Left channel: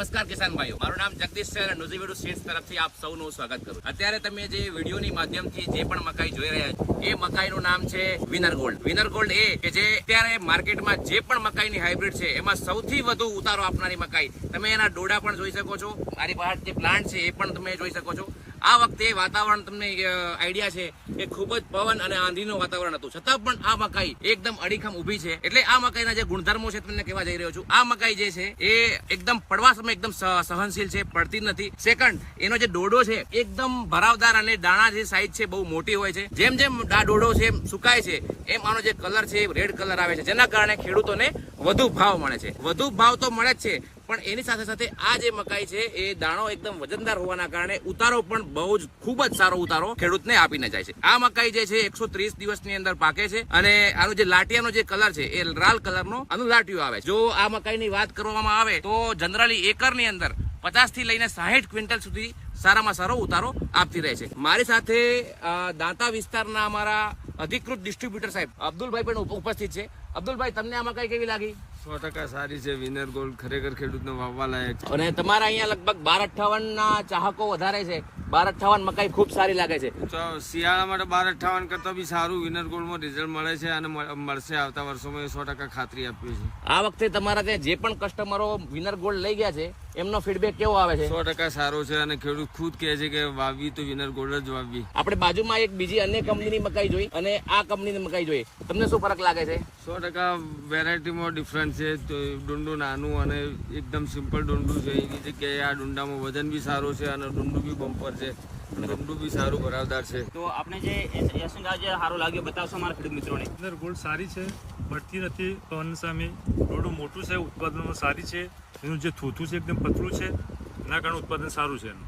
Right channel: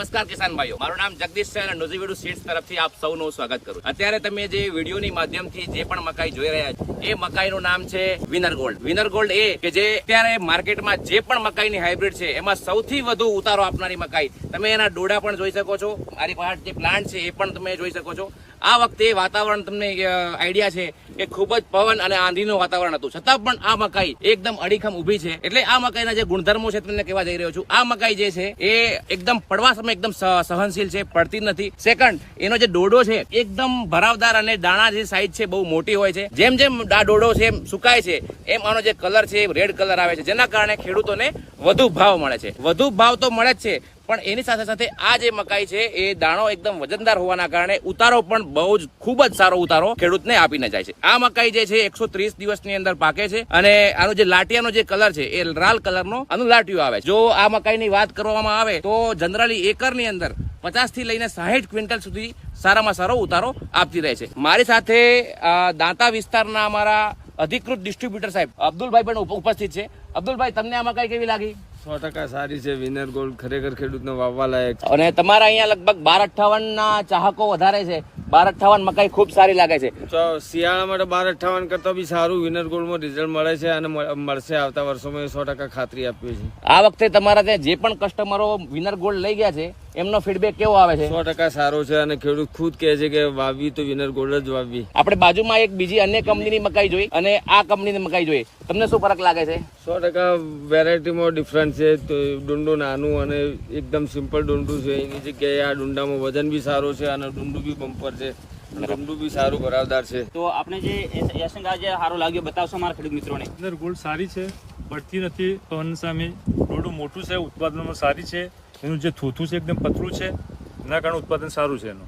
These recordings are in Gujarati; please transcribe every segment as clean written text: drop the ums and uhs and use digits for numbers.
નમસ્કાર કિસાન ભાઈઓ, મારું નામ જગદીશ છે અને નુઝીવીડુ સીડ્સ તરફથી આપ સૌનું સ્વાગત કરું. અત્યારે તમે જે વિડીયોની માધ્યમથી જે પણ મકાઈ જોઈ રહ્યા છો એ મકાઈનું નામ છે વિનર ગોલ્ડ. વિનર ગોલ્ડ એ કે જે અત્યારે માર્કેટમાં જે પણ મકાઈની હાઇબ્રિડ છે એમાં સૌથી વધુ ઉતારો આપનારી મકાઈ. તમે એના ડોડા પણ જોઈ શકો છો, મારી પાસે જે પ્લાન્ટ છે એ પણ તમે જોઈ શકો છો. આ વખતે વાતાવરણ તમને આઈડિયા છે કે ખૂબ જ પવન અને આંધીનું વાતાવરણ હતું, છતાં પણ આ મકાઈ એકદમ અડીખમ ઉભી છે. એટલે આ મકાઈના જે ગુણધર્મો છે તમને કહેવા જઈ રહ્યો છું. આ મકાઈ જે છે એ એકદમ પડવા સમય એકદમ સહનશીલ છે, પડતી નથી. સેકન્ડ, એનો જે ડોડો છે એકદમ ભરાવદાર અને દાણા જે સાઈઝ છે બહુ મોટી હોય છે. જેમ જેમ આ ડોડો છે સુકાય છે એમ આનો જે કલર છે રેડ કલર આવે છે, જેના કારણે ખેડૂતોને વધુ ભાવ મળે છે. વધુ ભાવ તો મળે જ છે, પણ એની સાથે સાથે આ જે મકાઈ છે એ દાણો એકદમ વજનદાર હોવાના કારણે ઉતારો પણ બહુ જ ખૂબ જ સારો ઉતારો ખેડૂતને આપીને જાય છે. આ મકાઈ જે છે 130 દિવસની અંદર પાકે છે અને આનો જે લાટિયાનો જે કલર છે એ લાલ કલરનો આનું લાટિયું આવે છે. જો આ મકાઈની વાત કરવામાં આવે તો જનરલી એકરની અંદર 50 થી લઈને 60 ક્વિન્ટલ સુધી સારામાં સારો ઉતારો આપતી રહે છે. મારી સાથે દાંતા વિસ્તારના અમારા અધિકૃત ડિસ્ટ્રીબ્યુટર સાહેબ અબ્દુલભાઈ પણ ઉપસ્થિત છે. અબ્દુલભાઈ, તમને આ મકાઈ કેવી લાગી? 100% સારી છે. વિનર ગોલ્ડ ખરેખર ખેડૂતને વાવવા લાયક છે. અને તમારા અહીંયા લગભગ 1258 ના ચાહકો વધારે છે. 1258 મકાઈ ખૂબ સારી લાગે છે. તો શિયાળા માટે 1258 કરતા બી સારું વિનર ગોલ્ડમાં રિઝલ્ટ મળે છે અને મળશે આવતા વર્ષોમાં. 100% ખાતરી આપીએ છીએ. આ વખતે તમારા ત્યાં જે પણ કસ્ટમરો વિનર ગોલ્ડ લઈ ગયા છે એમનો ફીડબેક કેવો આવે છે? 100% સારો છે અને ખેડૂત ખુદ કહે છે કે વાવવી તો વિનર ગોલ્ડ જ વાવવી. આપણે બાજુમાં એક બીજી અન્ય કંપનીની મકાઈ જોઈ અને આ કંપનીની મકાઈ જોઈ, તમને શું ફરક લાગે છે? 100% વેરાયટીમાં ડિફરન્ટ છે. ડુંડું નાનું અને એકદમ સિમ્પલ ડુંડું છે. એની જગ્યાએ આ ડુંડામાં વજન બી સારું છે અને ડુંડું બી બમ્પર છે. ડુંડું બી સારું ભરાવદાર છે. તો આપણે જે યશંગા જે સારો લાગ્યો બતાવશો મારા ખેડૂત મિત્રોને? વિનર ગોલ્ડ સારી છે, પડતી નથી પવન સામે. ડોડું મોટું છે, ઉત્પાદનમાં સારી છે. એનું જે થોથું છે એકદમ પતલું છે, એના કારણે ઉત્પાદન સારું છે એનું.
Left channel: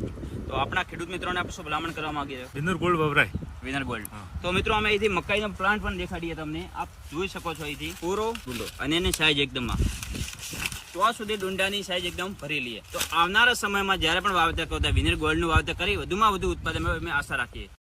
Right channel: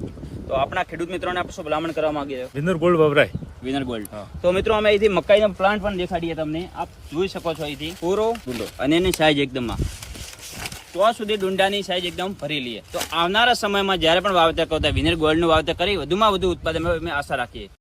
તો આપણા ખેડૂત મિત્રોને આપણે શું ભલામણ કરવા માંગીએ? વિનર ગોલ્ડ વવરાય. Winner gold. તો મિત્રો અમે અહીંથી મકાઈનો પ્લાન્ટ પણ દેખાડીએ તમને. આપ જોઈ શકો છો અહીંથી પૂરો ડુંડો અને એની સાઈઝ એકદમ તો સુધી ડુંડાની સાઈઝ એકદમ ભરેલી છે. તો આવનારા સમયમાં જ્યારે પણ વાવેતર કરતા વિનર ગોલ્ડનું વાવેતર કરી વધુમાં વધુ ઉત્પાદન અમે આશા રાખીએ.